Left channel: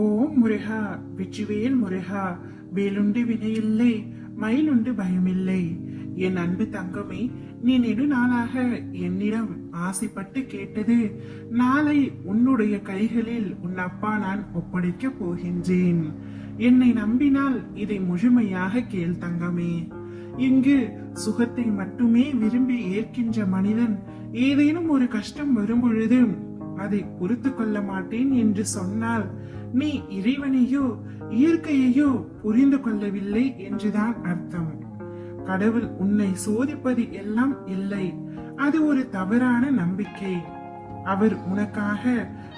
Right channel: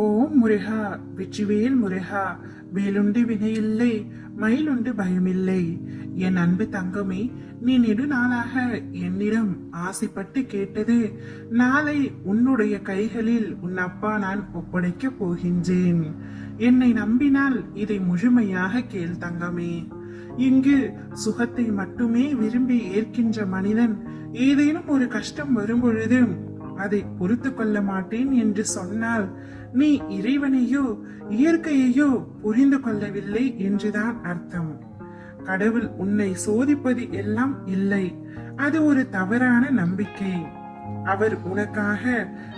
ஓம் முருகா, வெற்றிவேல் முருகா, வேலுண்டு வினையில்லை, மயிலுண்டு பயமில்லை. என் அன்பு தங்கமே, நீ நெடுநாளாக என்னிடம் ஆசைப்பட்டு கேட்டது நாளை உன்னுடைய கைகளில் உன் அப்பா நான் ஒப்படைக்க போகின்றேன். என்னை நம்பினால் இதை முழுமையாக கேள் தங்கமே. இங்கு சுகத்தை மட்டுமே விரும்பி ஏற்கின்ற மனிதன் ஏதேனும் ஒரு கஷ்டம் வரும் பொழுது அதை பொறுத்து கொள்ள மாட்டேன் என்று சொன்னால் நீ இறைவனையோ இயற்கையையோ புரிந்து கொள்ளவில்லை என்றுதான் அர்த்தம். கடவுள் உன்னை சோதிப்பது எல்லாம் இல்லை, அது ஒரு தவறான நம்பிக்கை. அவர் உனக்காக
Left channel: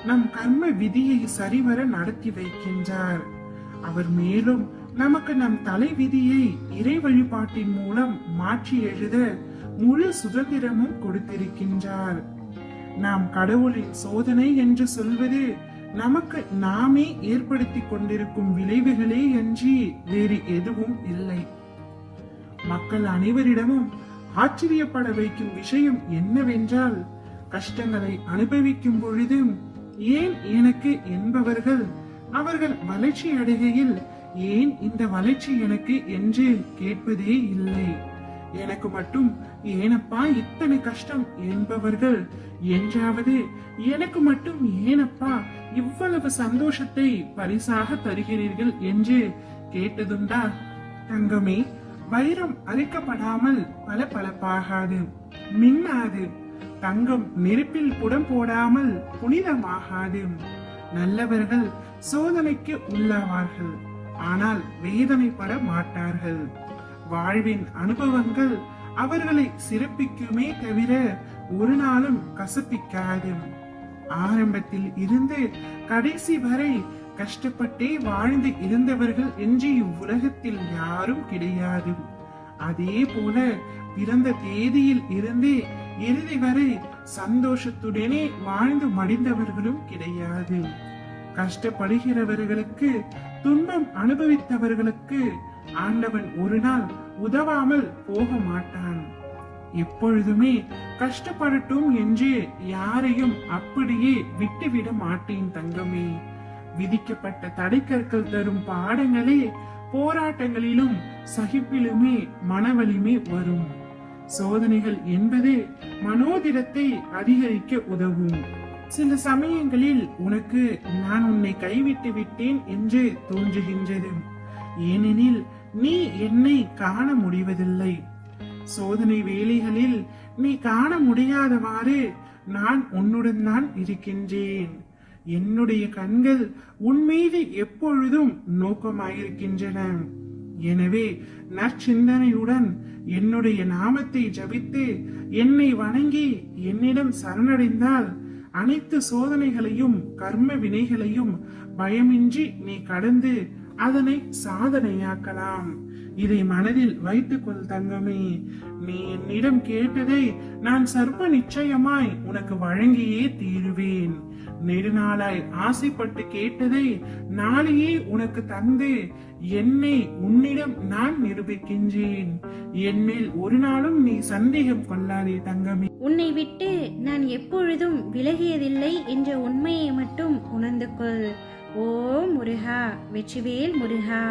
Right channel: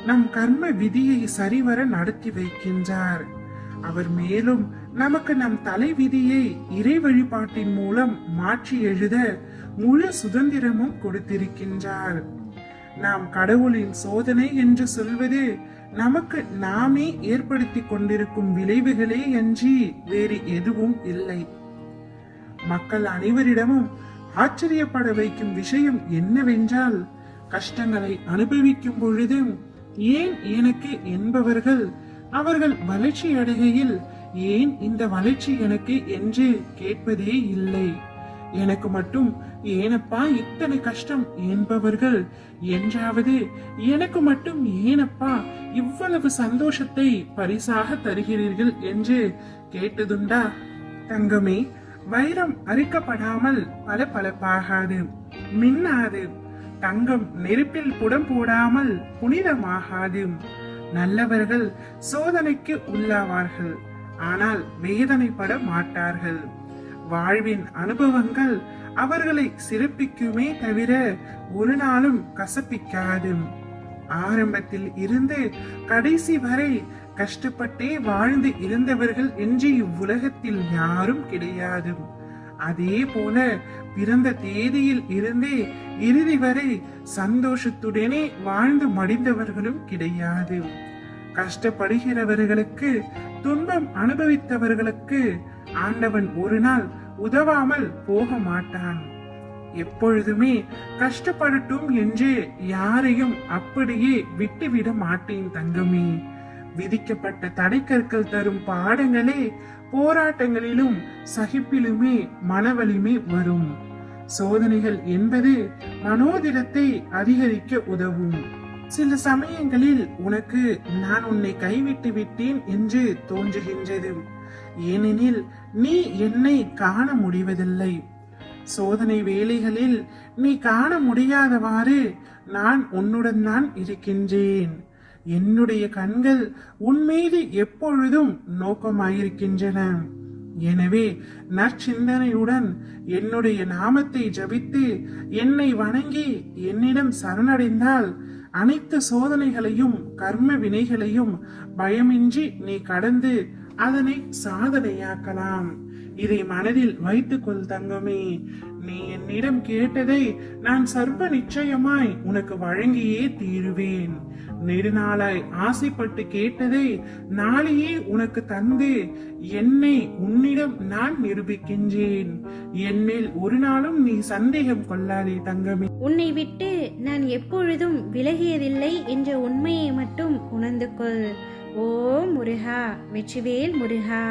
நம் கர்ம விதியை சரிவர நடத்தி வைக்கின்றார். அவர் மேலும் நமக்கு நம் தலை விதியை இறை வழிபாட்டின் மூலம் மாற்றி எழுத முழு சுதந்திரமும் கொடுத்திருக்கின்றார். நாம் கடவுளின் சோதனை என்று சொல்வது நமக்கு நாமே ஏற்படுத்தி கொண்டிருக்கும் விளைவுகளே அன்றி வேறு எதுவும் இல்லை. மக்கள் அனைவரிடமும் ஆச்சரியப்பட வைக்கும் விஷயம் என்னவென்றால், கஷ்டங்களை அனுபவிக்கும் பொழுதும் ஏன் எனக்கு என்பவர்கள் அவர்கள் வளர்ச்சி அடைகையில் ஏன் இந்த வளர்ச்சி எனக்கு என்று கேட்பதே இல்லை. எனக்கு மட்டும் ஏனப்பா இத்தனை கஷ்டம் என்பவர்கள் என்றாவது எனக்கு மட்டும் ஏனப்பா இவ்வளவு சந்தோஷத்தை பரிசாக தருகிறீர்கள் என்று கேட்டதுண்டா? தங்கமே, வைரம் அரிக்கப்படாமல் பளபளப்பாகாது, மின்னாது. தங்கம் நெருப்பில் கூட போடாமல் புனிதமாகாது. நல்லவர்கள் சோதனைக்கு உள்ளாவார்கள், ஆனால் வேதனைப்பட மாட்டார்கள். வாழ்வின் அனுபவங்கள் அவர்களை சிறப்பிக்குமே தவிர ஒரு நாளும் கசப்பிக்காது. ஆரம்பத்தில் இருந்து கடைசி வரை கஷ்டப்பட்டே வாழ்ந்து இருந்தவர்கள் என்று இவ்வுலகத்தில் யாரும் கிடையாது. அதே போல பிறந்த தேதியில் இருந்து இறுதி வரை சந்தோஷத்துடனே வாழ்ந்து மடிந்தவர்களும் கிடையாது. கஷ்டப்படுகிறவர்களுக்கு, துன்பம் அனுபவித்தவர்களுக்கு ஆண்டவன் ஒரு நாள் உதவாமல் போக மாட்டான். எப்பொழுதுமே கஷ்டப்படட்டும் என்று யாரையும் அப்படியே விட்டுவிட மாட்டேன் தங்கமே. விதிக்கப்பட்ட தடைக்கற்கள் தரும் பாடங்களே போராட்டங்களிலும் சகிப்பிலுமே மனவலிமை வரும். சோதனைகள் என்பது மனோதிடத்தை அதிகரிக்க உதவும். சில சமயங்களில் உனக்கு நான் உன்னை கைவிட்டு விட்டேன் என்று தோன்றுகின்றது. ஏனெனில் நீ என்னை காண முடிவதில்லை. சோதனை வேளைகளில் நீ காண முடியாதவாறு நான் உன்னுடன் தான் இருக்கின்றேன். என்னுடைய கண்கள் உன் மீது எப்பொழுதும் நோக்கமாயிருக்கின்றன. எனவே நற்சிந்தனையுடன் என்னுடைய நாமத்தை ஜபித்து என்னை வணங்கி என்னிடம் சரணடைந்தால் அனைத்து சோதனைகளையும் கர்ம வினைகளையும் பயமின்றி நீ கடந்து அதனை சாதனையாக்கலாம். இதை மனதில் வைத்துக் கொள் தங்கமே. நீ என்னிடம் கேட்டதை நான் சர்வ நிச்சயமாய் உனக்கு வழங்கியே தீருவேன். நெடுநாளாய் ஆசைப்பட்டு கேட்டதை நாளையே உனக்கு தந்து என்னை உன்னிடம் நான் நிரூபிக்கின்றேன். என்மேல் ஒரு நாளும் நீ சந்தேகம் கொள்ளாதே தங்கமே. உன்னை விட்டு நான் எப்பொழுதும் விலகியதில்லை என்ற உண்மையை மட்டும் உணர்ந்து கொள். ஓம் முருகா, வெற்றிவேல் முருகா.